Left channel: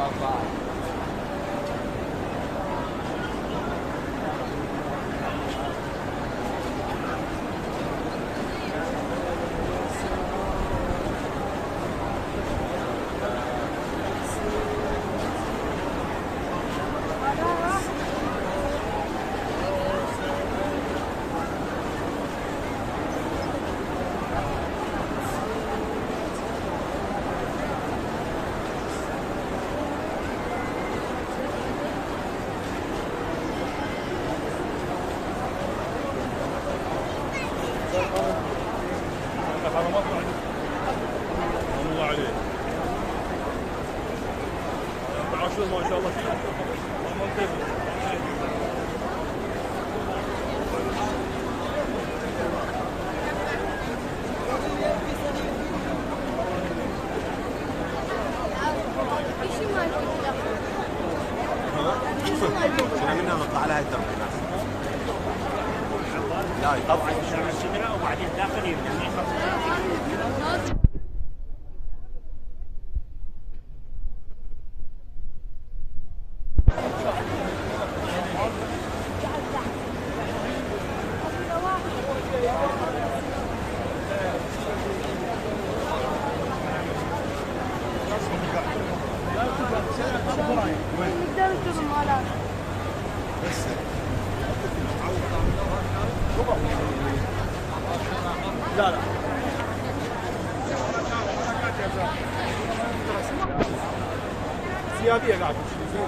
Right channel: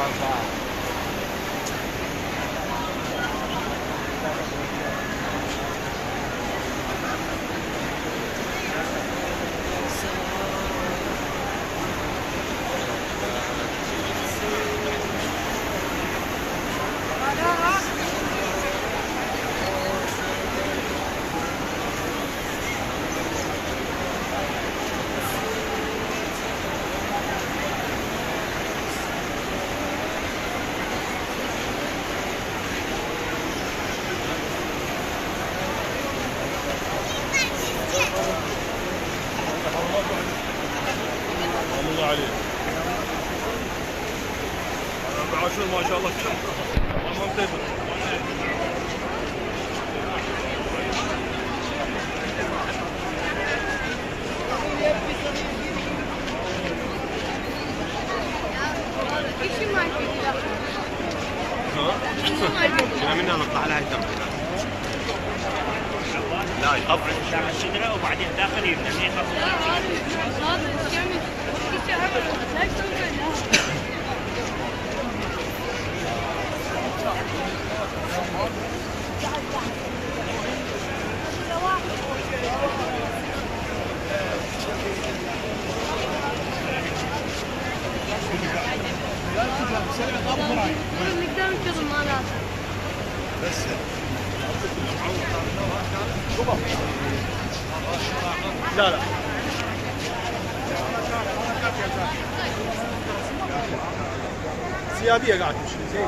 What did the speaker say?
ما شاء الله ممتاز. ها؟ منها نطلع لها الدرب لا يطفي وبعدين داخل يبدا ما يخفف نقدر نكتب مالات بس لا لا سيادية قاعد تمشي زين